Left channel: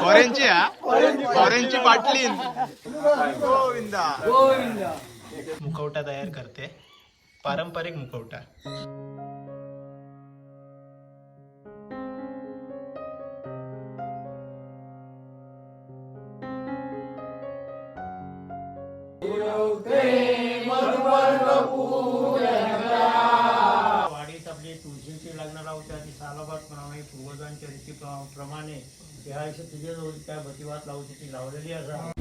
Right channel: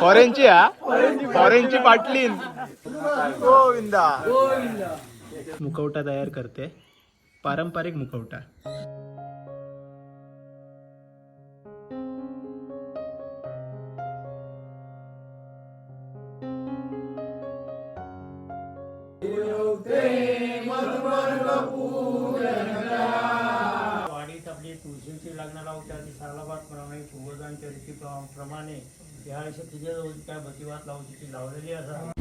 फॉरेनची हा? फॉरेनची पाटलीन गोविंदा. मुखवटा तयार करते. पारंपरिक मुखवटा. वाडीत आपली तुळशींची लग्न लावतात ती सालाबादप्रमाणे पूर्वजांच्या रीतीप्रमाणे त्या आयुष्यात तुझ्या त्या भतिवात लावची ती लावलेली असा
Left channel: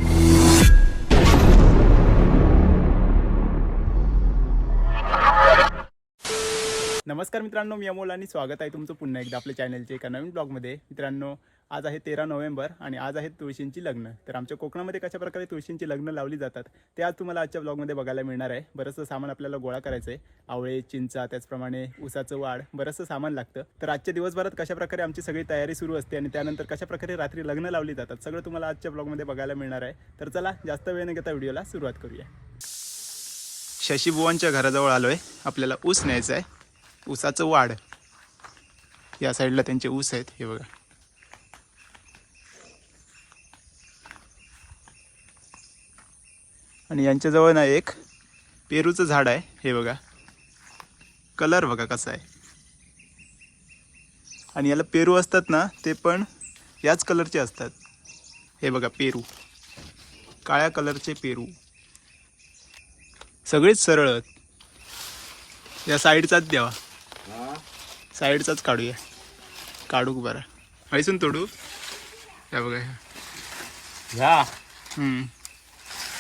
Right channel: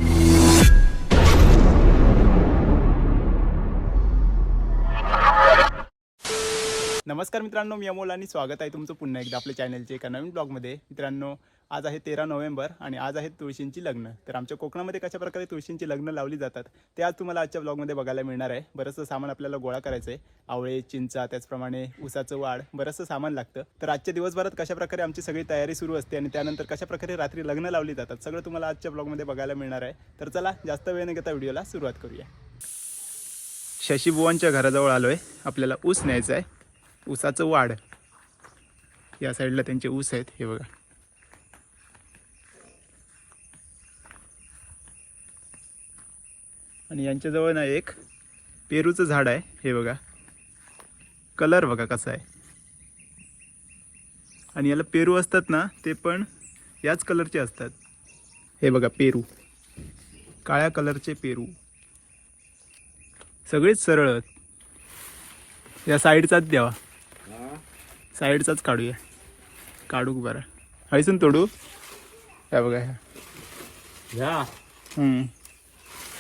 नमस्कार मित्रांनो मी अमोल आणि स्वागत आहे तुमचं पुन्हा एकदा आपल्या चॅनलच्या एका नवीन ब्लॉगमध्ये. मित्रांनो आज आहे तेरा नोव्हेंबर आणि आज आहे तुळशींची लग्न. तर आमच्या कोकणामध्ये कशा प्रकारे तुळशींची लग्न लावली जातात ते आज तुम्हाला आजच्या ब्लॉगमध्ये बघायला मिळणार आहे. बरंचसं सामान आपल्याला गोळा करायचं आहे आवळे चिंचा त्याचप्रमाणे उसाचं वाढ बरंचसं सामान लागतं. तर आजच्या दिवसभरात कशा प्रकारे आमची सगळी तयारी सुरू असते आणि त्यानंतर कशा प्रकारे रात्री लग्न लावली जातात सगळं तुम्हाला आजच्या ब्लॉगमध्ये बघायला मिळणार आहे. तर चला जास्त वेळ न घेता व्हिडिओला सुरुवात करूया. शशीबुवांच्या घराजवळ आलो आहे आपल्याला ऊस न्यायचा आहे ऊसाचं वाढ. या साईडला त्यांचे ऊस आहेत हे बघा. आणि यांच्याजवळ ना एक पेरूचं झाड आहे हे बघा. कलर बघा कसा आहे. आणि याला पेरू असतात ना ते पण याच कलरचे असतात. हे बघा पेरू. काळ्या कलरचे पेरू. सगळेच सरळ या साईडचाच द्यावा. साईडचाच काढूया. काढू बरं. हैसून तोडू. या बघा ह्या ह्या हम्म.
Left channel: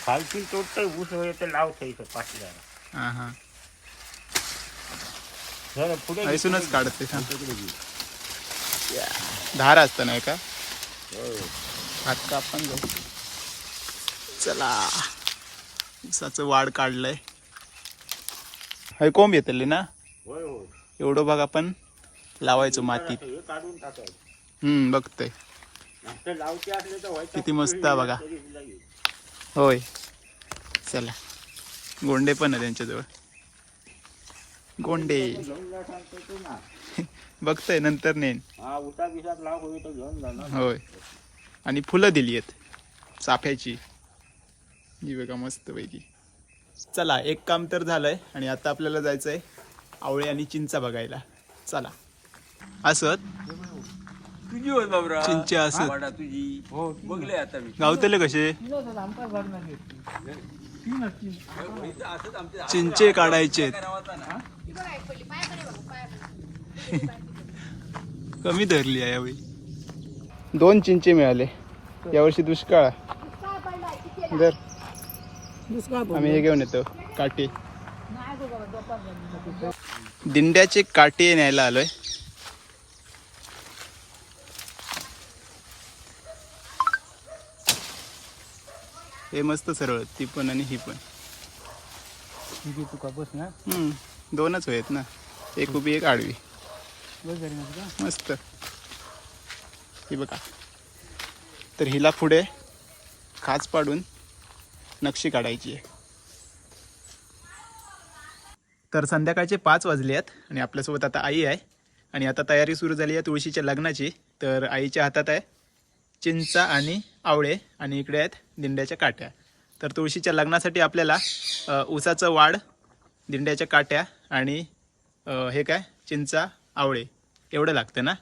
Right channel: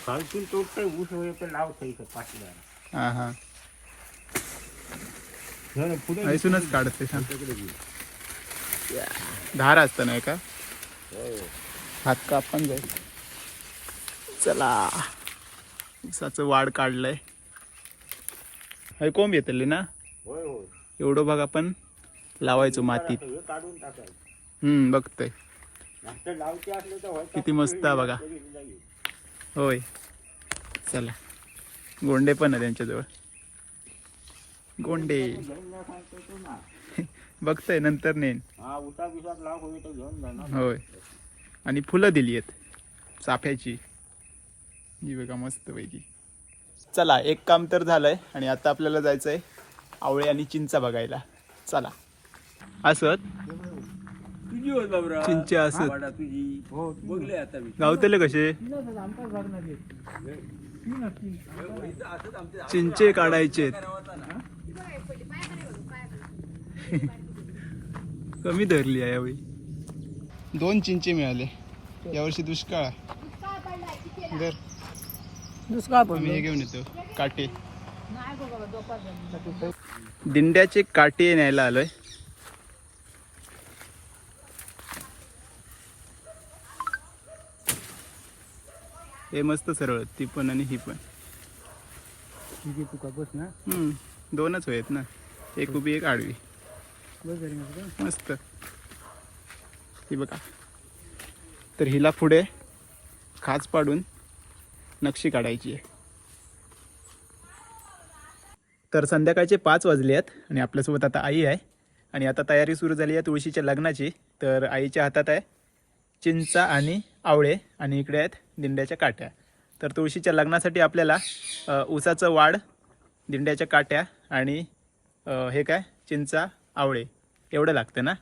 खालतील तोडतं ऊस वगैरे ते लावतं इथं पाठीला हा. हा पुढे. हैसूनच काढते हा धार असतं नाही का? हात का आपण जाऊ. चला. उसाचं वाढ काढलंय. हे कोंब येतले ना? होय होय. एवढं भाग आपण. लावायचो मातीत. काढून टाकायचं हम्म बघतोय. लावते असले तर व्हायचं किती मस्त आहे बघा. तरी होय. चला. गोंडे पण आहे त्यांच्याजवळ. गोंडे. घेऊन जा सांगतो ना बघतोय नंतर नेन हा उठा बिसात लाव तर घेऊन जा ना होय. आणि फुलं दिली आहेत. चाफ्याची. जी बघा मस्त पैकी. चला एक काम तर झालंय. आणि आता आपल्याला जायचं आहे आवळे आणि चिंचा बघायला. चला. असत? तुझी होय बाबरा? चिंचे असत. वाडा तुझी. हो बघले आता मी. गावतले कसे? चिंचे काढायचे कमी धरली आहे यावेळी. दोन चिंचे मिळाले. यावर्षी दुष्काळ आहे. धर. आम्ही हे घेऊन येतो. काठी. दिंड्याचे काठी न्यायला आलोय. हे मस्त सरळ ती पण आणि ही पण. हम्म, दोनच आहेत ना. एक उभी एक आडवी. मस्त. ही बघा. तर हिला पुढे खाच पाडून नक्षी काढायची आहे. तर संध्याकाळचे पाच वाजले आहेत आणि आपल्यासोबत आता आई आहे. आणि आता तयारी सुरू झाली आहे तुळशीच्या लग्नाची. तर आईच्या हातात आहे चिंचा आणि आवळे आणि इकडे आहेत दिंड्याच्या काट्या. तर तुळशीच्या लग्नासाठी आपल्याला ऊसाचं वाढ दिंड्याच्या काट्या आणि हे काय? चिंचा आवळे. एवढं लागतं ना?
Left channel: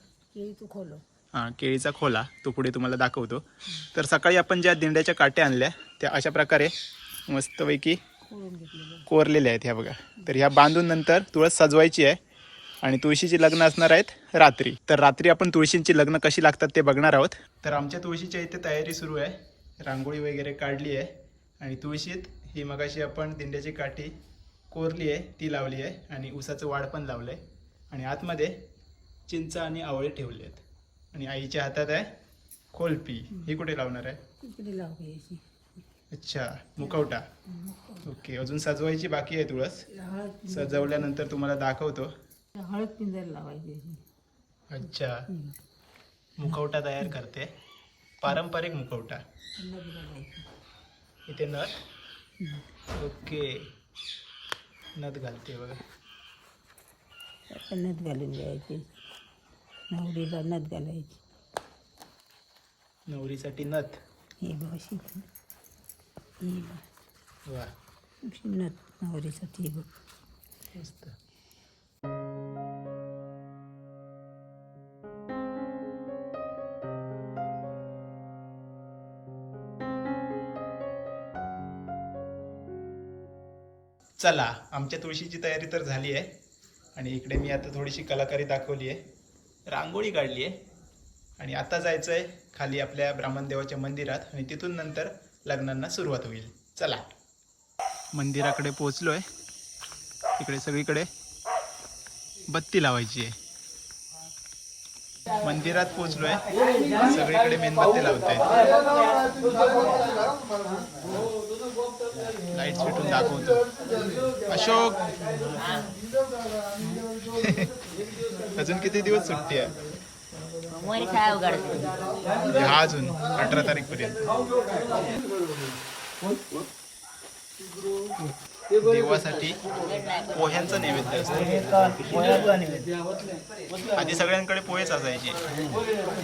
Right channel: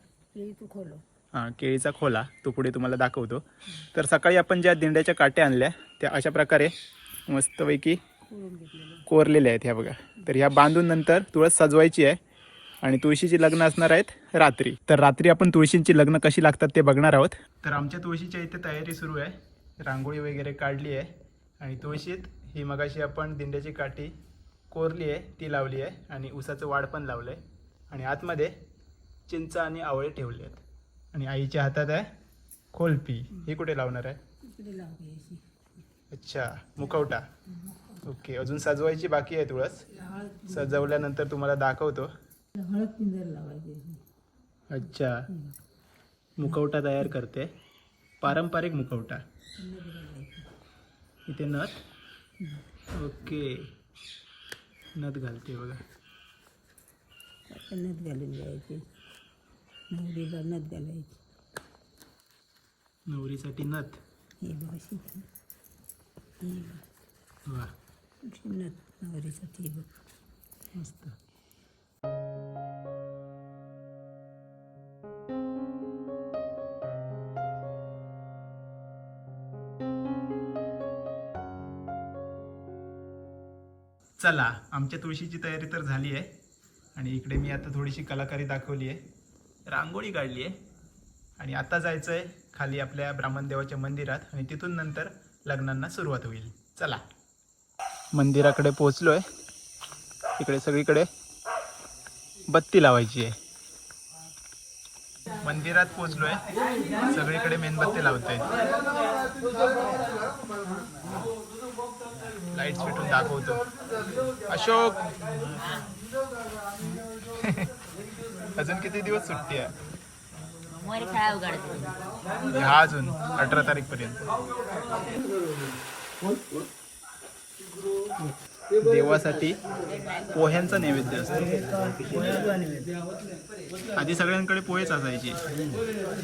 हां केळीचा खोला. तो पुढे तुम्हाला दाखवतो. तर सकाळी आपण ज्या दिंड्याच्या काट्या आणल्या त्या अशा प्रकारे मस्तपैकी कोरलेल्या आहेत ह्या बघा. तर ह्या बांधून नंतर तुळस सजवायची आहे आणि तुळशीची लग्न असणार आहेत रात्री. तर रात्री आपण तुळशींची लग्न कशी लागतात ते बघणार आहोत. तर आमच्या तुळशीच्या इथे तयारी सुरू आहे. रांगोळी वगैरे काढली आहे. आणि तुळशीत ही मगाशी आपण दिंड्याची काठी कोरली आहे ती लावली आहे आणि उसाचं वाढ पण लावलं आहे आणि आतमध्ये चिंचा आणि आवळे ठेवले आहेत. आणि आईच्या हातात आहे खोलपी. ही कुठे लावणार आहे? अच्छा मुखवटा ओके अजून सजवायची बाकी आहे तुळस. सजवल्यानंतर तुम्हाला दाखवतो. हळद पिंजर लावायची अच्छा. मुखवटा तयार करते. पारंपरिक मुखवटा. इथे नथ. ओके. नथ घालते बघा. नथ घालून द्यायची नवरीला नथ घालायची. नवरीसाठी नथ. हे बघ वा. नथ नवरीसाठी बघ. मस्त. चला आमच्या तुळशीची तयारी तर झाली आहे. आणि इकडे मी आता थोडीशी कलाकारी दाखवली आहे. रांगोळी काढली आहे. आणि आता जायचं आहे खाली आपल्या ब्राह्मणदेवाच्या मंदिरात आणि तिथून नंतर लग्नांना सुरुवात होईल. चला. मंदिराकडे पोचलो आहे इकडे सगळीकडे बत्ती लावायची आहे. मंदिरात पोचलोय सगळीकडे मेणबत्ती लावतोय. लाइट पेटून दाखवतो. अशोक. अजून किती दिवस सुट्टी आहे? म्हणजे हा अजून अठरा तारीख पर्यंत देवासाठी पोह्यांचा नैवेद्य असतो. आधी सगळ्यांकडे पोहेच असायचे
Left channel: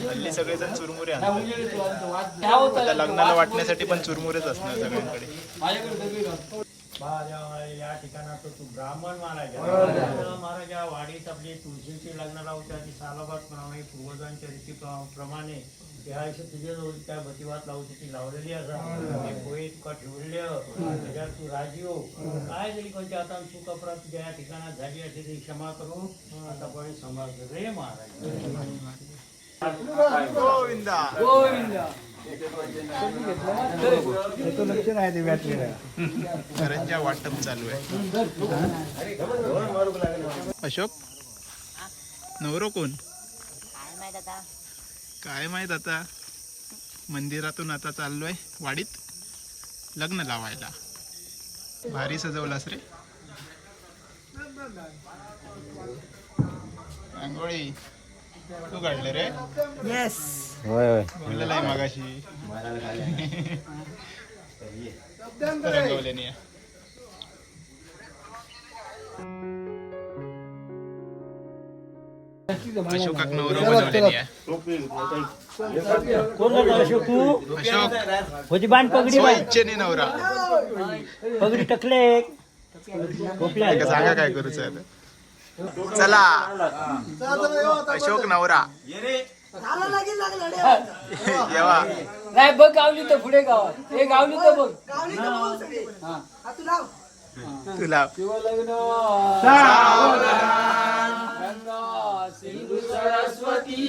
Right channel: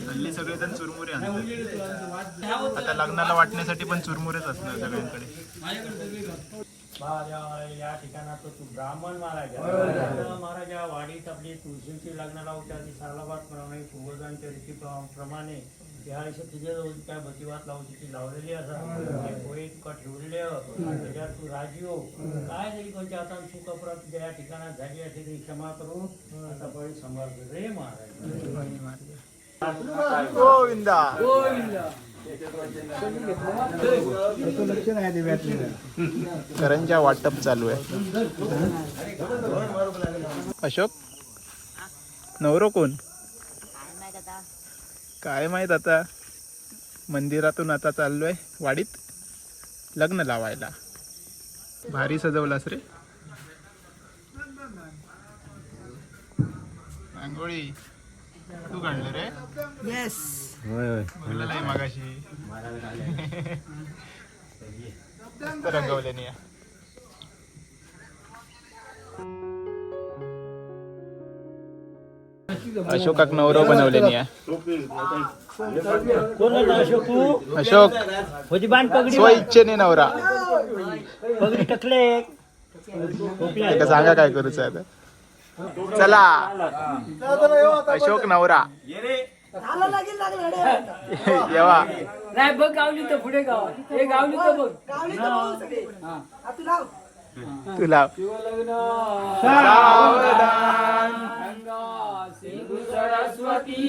हल्ली सगळेजण चुरमुरे आणतात. आता लग्नाला वाटण्यासाठी पण चुरमुरेच असणार सगळ्यांकडे. या ठिकाणाचं तू ब्राह्मण महाराजा महाराजा वाडीत आपली तुळशीची लग्नाला उचारली सालाबाद प्रमाणे पूर्वजांच्या रीतीप्रमाणे ह्या आयुष्यात तुझ्या जवळ काय भतीवात लावची ती लावलेली असा. ते पोहे तुका ठेवले. त्याच्यात तू राजी हो. काय जरी कोणत्या हातात चूक अपराध तुझ्या या ठिकाणात झाली असेल तरी क्षमा करू. आता पळे समर्थ रे महाराज. गोविंदा. करंजा वाटप चालू आहे. अशोक नवरो कोण? काय माहीत आता? काय माहीत आता? मंदिरातून आता चाललोय वाडीत लग्न लावायला. भारी सजवलास रे. रांगोळी. तू काढलं रे? येस बघलेलं आहे मागाशी. रंगवल्याने अशोकाक नवरो बनवल्याने अशोक स्व इच्छेने नवरा. पगडी टकले एका सांगा काय करूच आता? चला. अशोक नवरा. येवा. नाही बघ गावली तर पुढे गावात हे गावली तर बघ. तुला. सिंधू सरस्वती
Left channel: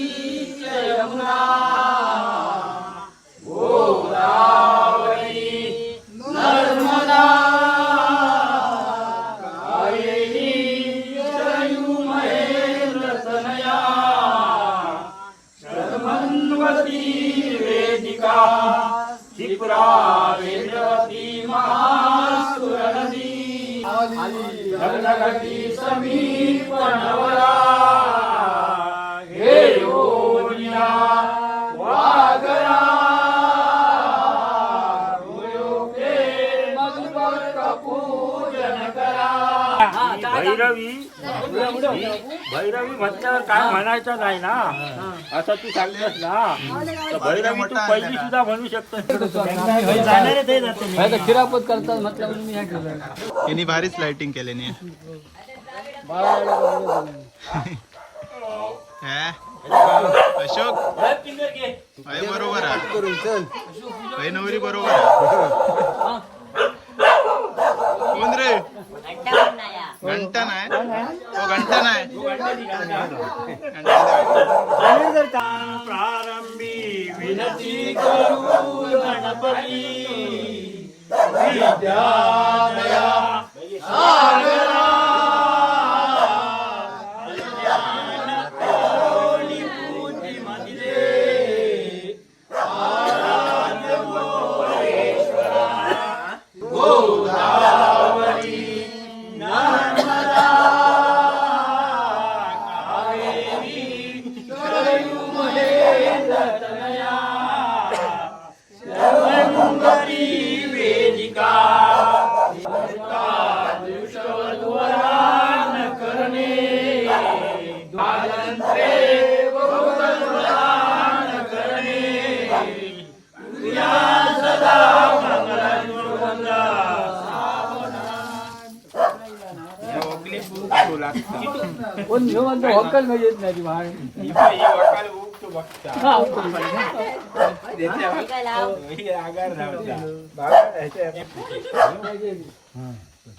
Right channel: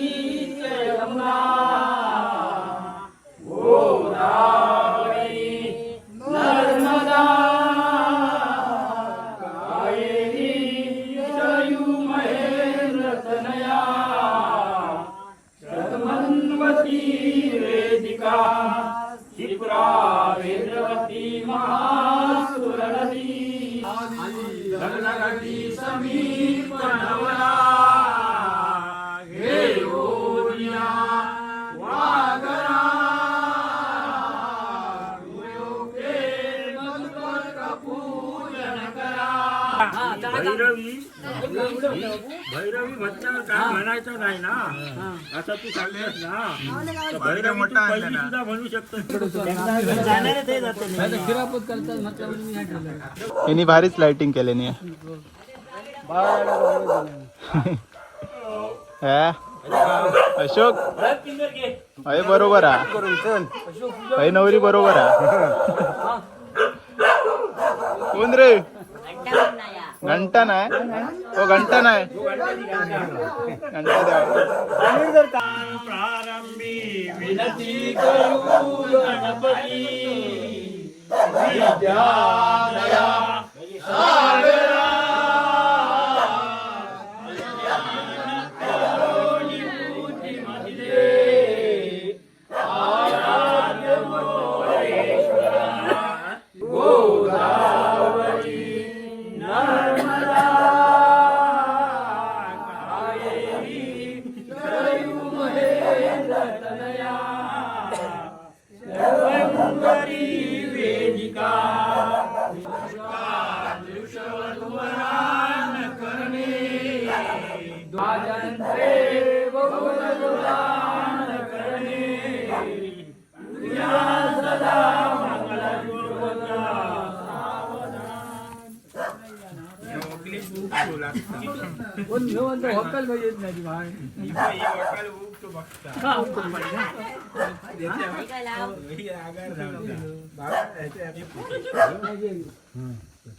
क्षिप्रा वेदवती महासुरनदी जगदगती समीप नवरा हे योनिया वागरा। गुरुके मधुकर पूजन करा भैरवी। भैरवी म्हटल्यावर काय म्हणायचं नाही ना? असं तू सांगतेस ना? भैरवी तू पहिली. सुद्धा म्हणू शकतो. जाणारे ते जाते खिरापत करतात म्हटलं म्हणून मी हे केलं यांनी भारीच लाइटिंग केल्याने हा? अशोक? अय बरोबर हा अय नवरी बरोबर हा कोण रे? घंटा नाही तो घंटा नाही घंटा देवा रतनया सर्वगुणगती वेदिका दृष्टवधुवरान करणे द्वादंत्रे बहुगतुलान करणे तुझ्या सदा मंगलं भगवंता ಒಕ್ಕಲ್ ಮೇಲೆ हा,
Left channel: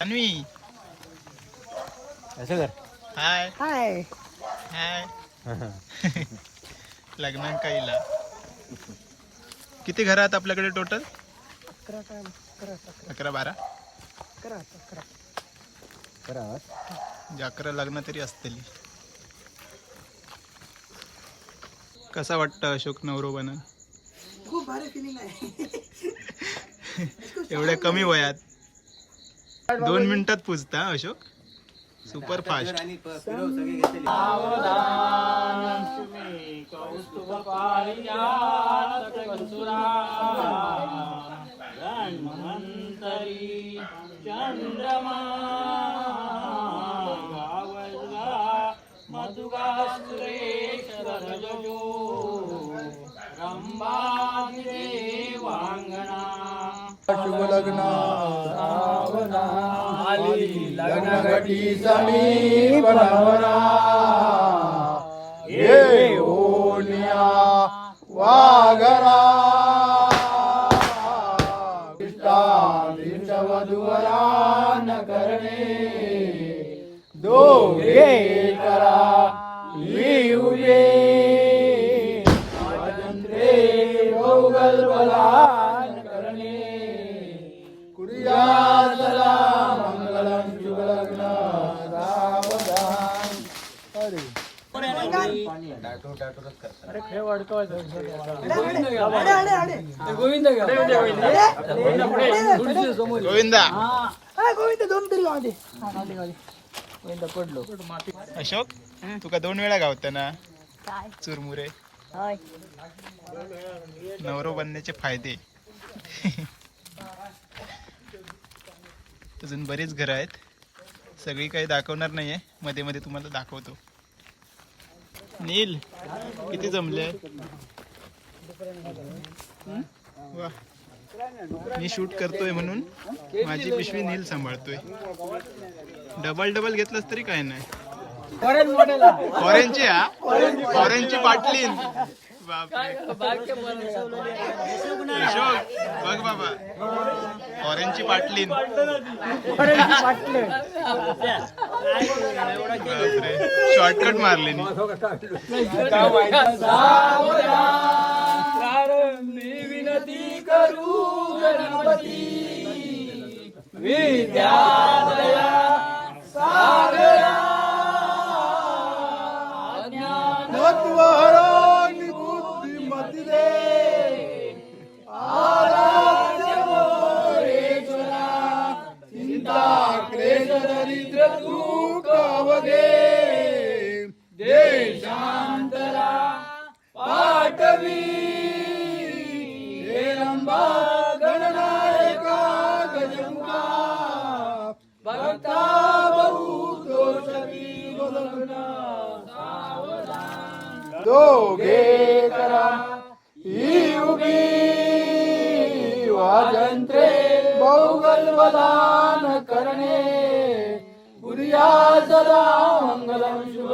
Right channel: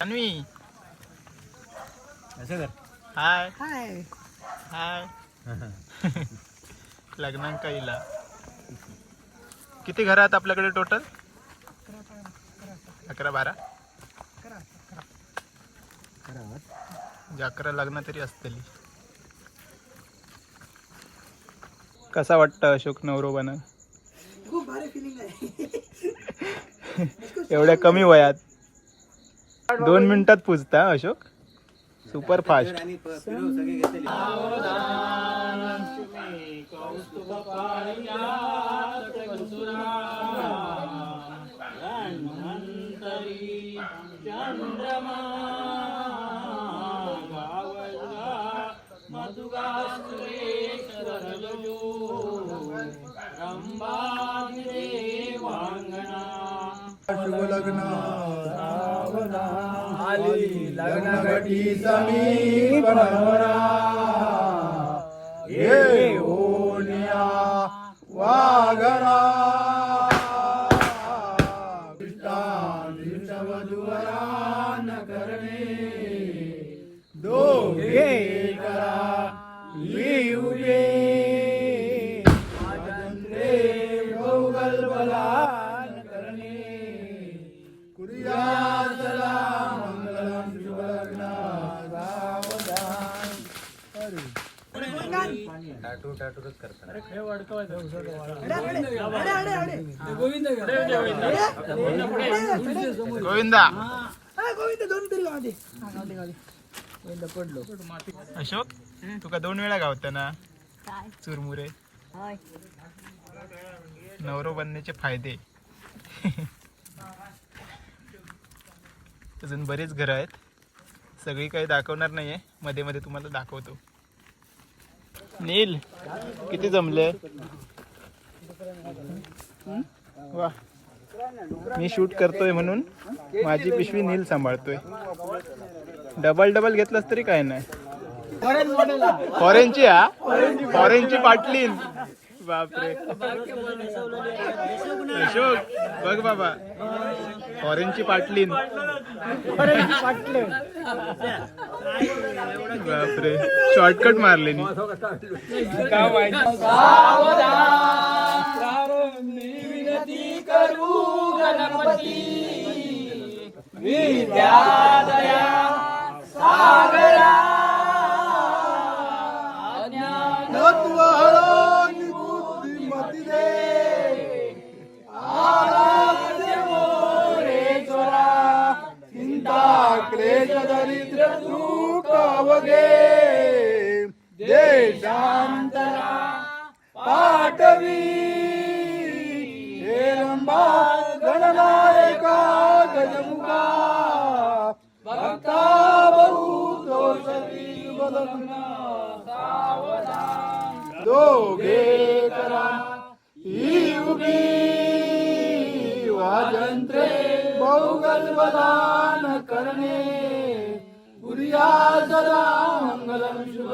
अन्वी हाय. हाय. हाय. लग्नांक येईला किती घरं आहेत आपल्याकडे टोटल अकरा बारा? म्हणजे अकरा लग्न तरी असतली. कसा वाटतं अशोक नवरोबानं खूप भारी फिलिंग आहे एवढ्या कमी वयात दोन मिनिटात पुजता अशोक सुपर फास्ट चंद्रमा आली लग्नासाठी समीप गोविंद गोविंदा अरे गोविंद दोन तरी गाव दे. पडलो. अशोक तुका दोन वेळा गावता ना? काय? चुरमुरे. नवरो बनण्याचे फायदे. अजून बरीच घरं आहेत. सगळी काही दाखवणार नाहीये. मध्ये मध्ये तुम्हाला दाखवतो. नील किती जमले? वा. मी शूट करतोय म्हणून माझी पिशवी नील सांभाळतोय. डबल डबल घेतलास तरी काय नाही. फॉरेनची हा. फॉरेनची पाटलीन. बापरे. अशोक बघ बाबा. ऑरेंजची पाटलीन. बापरे. शॉर्टकट मारले नी. प्रारंभी विनती करू गणपती विद्यादया सागरा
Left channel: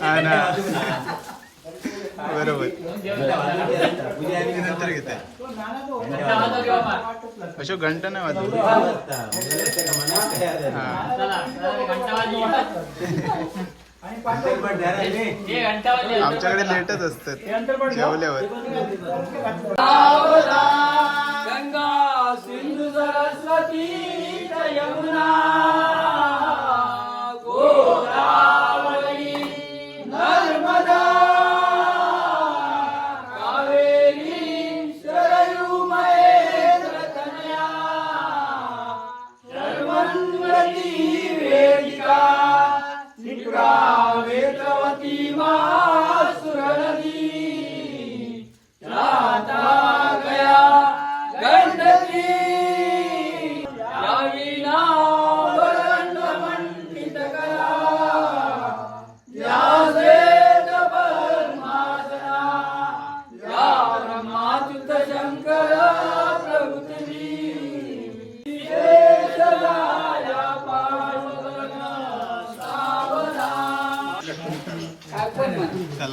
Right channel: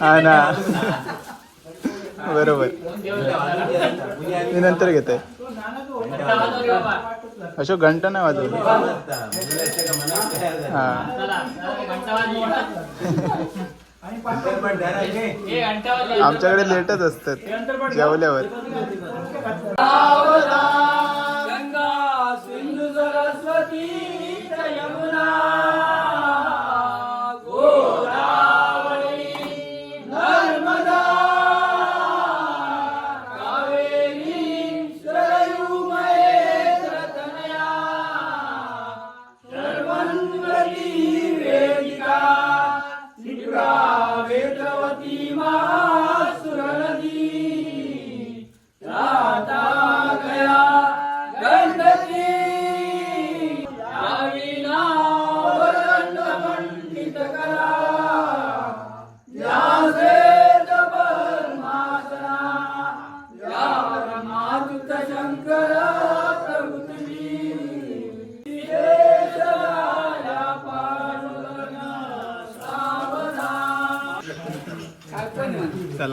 हा ना. बरोबर. मी नंतर घेते. अशोक घंटा नाही वाजवली हा. आमच्याकडे लेटच असतात जेवल्यावर. गंगा सिंधू सरस्वती. नर्मदा वेदिका निग्रा वेदवती मा शंकर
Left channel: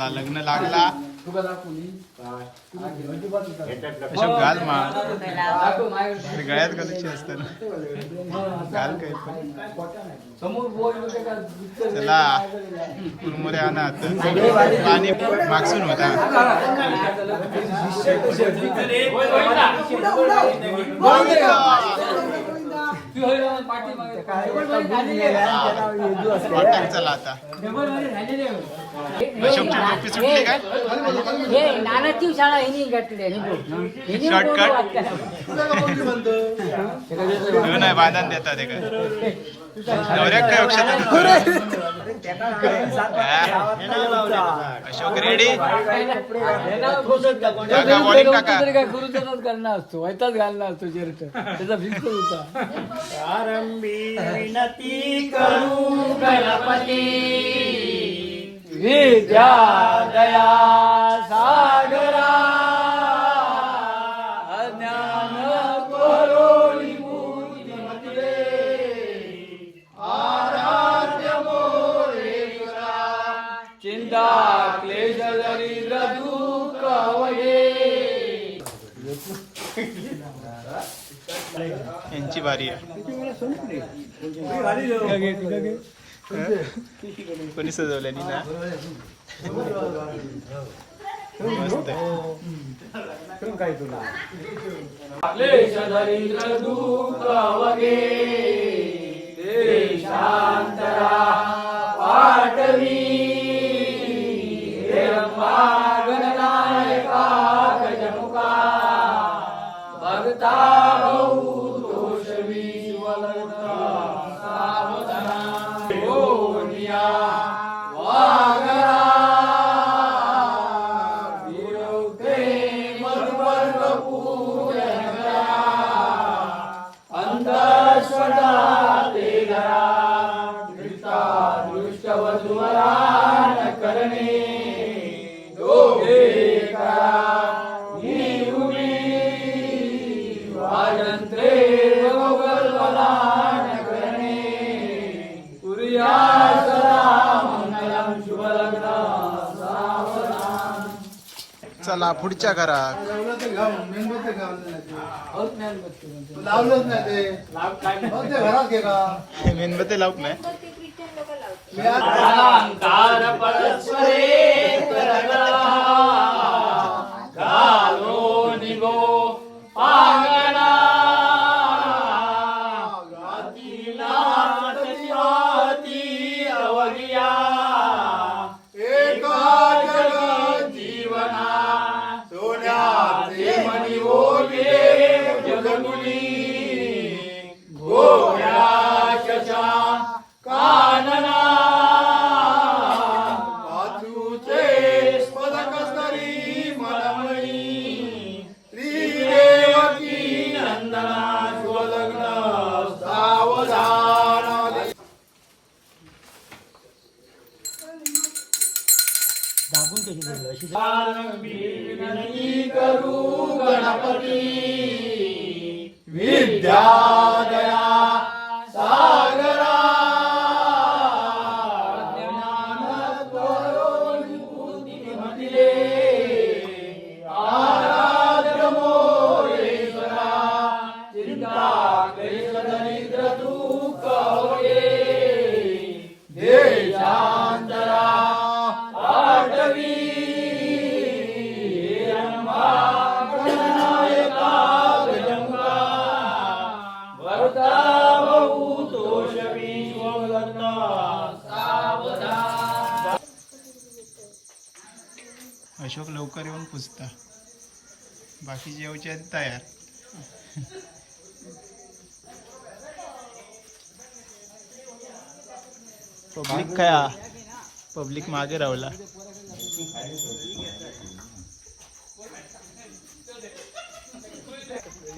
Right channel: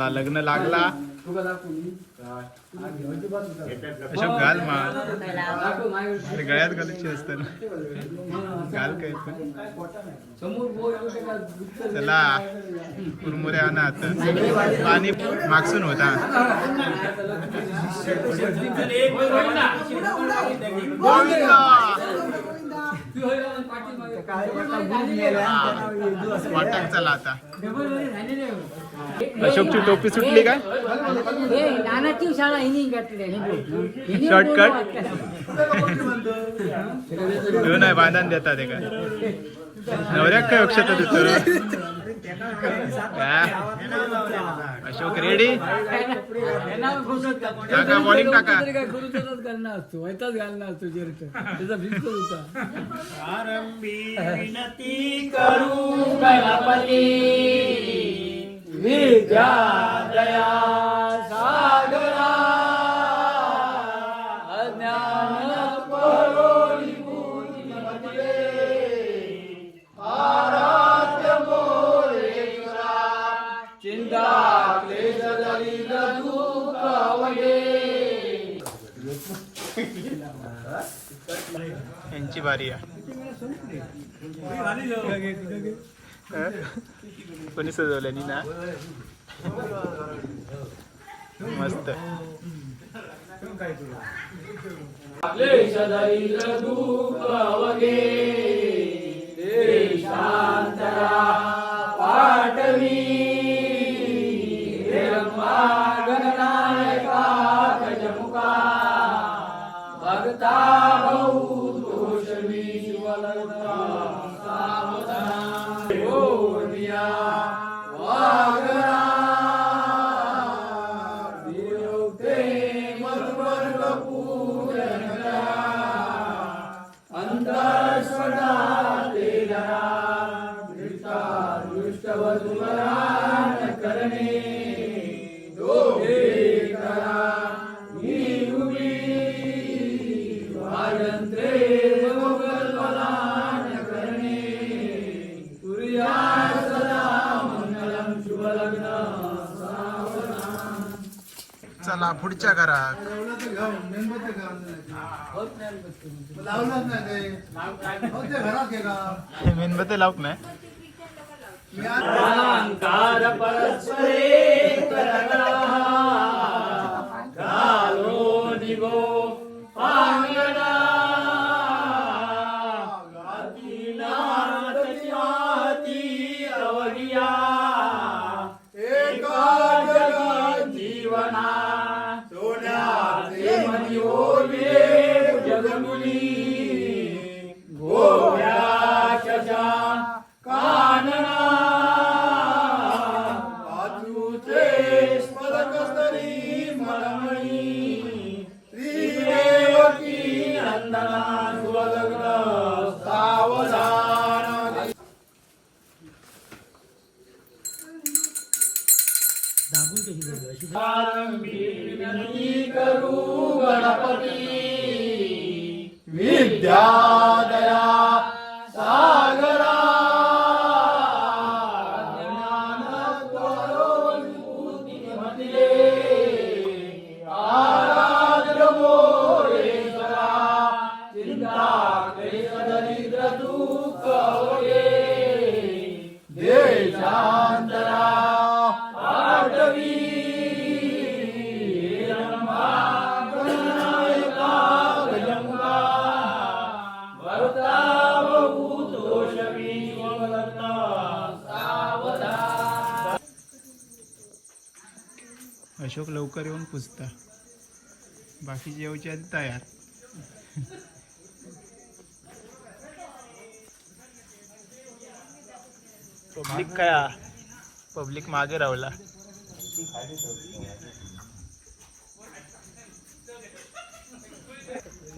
लग्न लागला मी. अशोक घाल. ते गळ्यात घालायची असतं ना घाल काही पण चला कुरमुरे आणा आता पाणी मागसून होता गोविंदा! चला आता अशोकची टोपी सुटली काय? हे नानाची शाळा हिनी घातली. हो नाही बांधून देतात काय नवऱ्याक काय लक्षात? हा? अशोक रेडी टाका. बॉलिंग टाका काय घालणार असतो. वैताच घालणार असतो शर्ट त्याचा भिंत होता. प्रारंभी विनती करू. गणपती विद्या दया आमची बारी आहे. कोणी सजवल्यानी ना? मस्त. पाठवी गणनायका गजमुखा भक्ता चला पुढच्या घरात. लावलंच मेणबत्ती लावत नाही. घालो निगो ti. अशोक लवकर येऊन पुजता बाकी जेवचे आधी तयार. पब्लिक काय पब्लिक मागे रावला.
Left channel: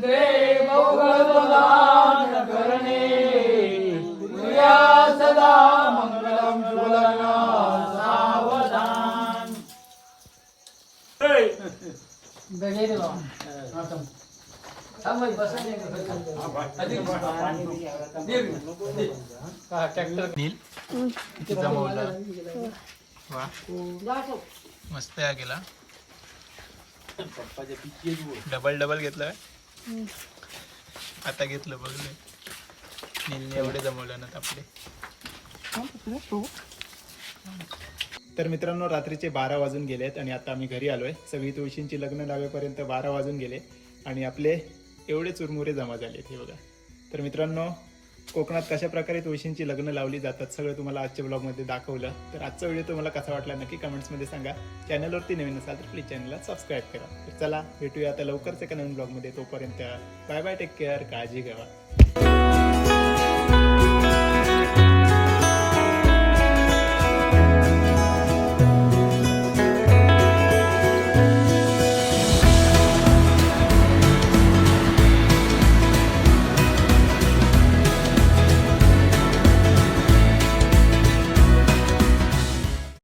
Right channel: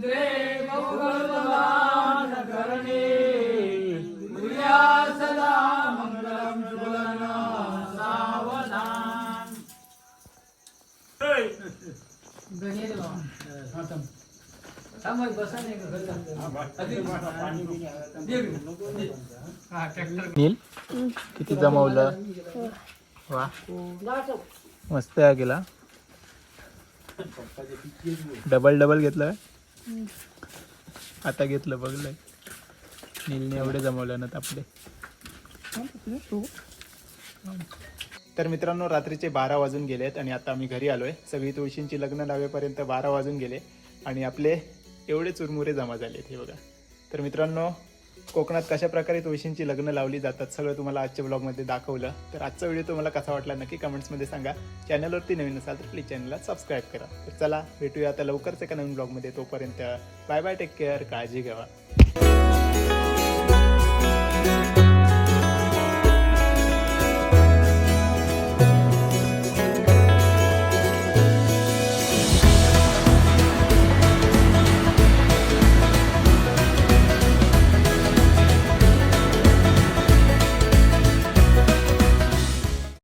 मंत्रे करणे. तुया सदा मंगलम सावधान. किती जमवलं? वा. मस्त आहे गेला. डबल डबल घेतलं. आता घेतलं बघलं नीलने एवढे जमवलं ना आपले. तर मित्रांनो रात्रीचे बारा वाजून गेलेत आणि आता आम्ही घरी आलोय. सगळी तुळशींची लग्न लावेपर्यंत बारा वाजून गेले आणि आपले एवढे चुरमुरे जमा झालेत हे बघा. तर मित्रांनो कोकणात कशा प्रकारे तुळशींची लग्न लावली जातात सगळं तुम्हाला आजच्या ब्लॉगमध्ये दाखवलं. तर आजचा व्हिडिओ तुम्हाला कसा वाटला नक्की कमेंट्समध्ये सांगा. चॅनलवरती नवीन असाल तर प्लीज चॅनलला सबस्क्राईब करा. तर चला भेटूया आता लवकरच एका नवीन ब्लॉगमध्ये तोपर्यंत बाय बाय टेक केअर काळजी घ्यावा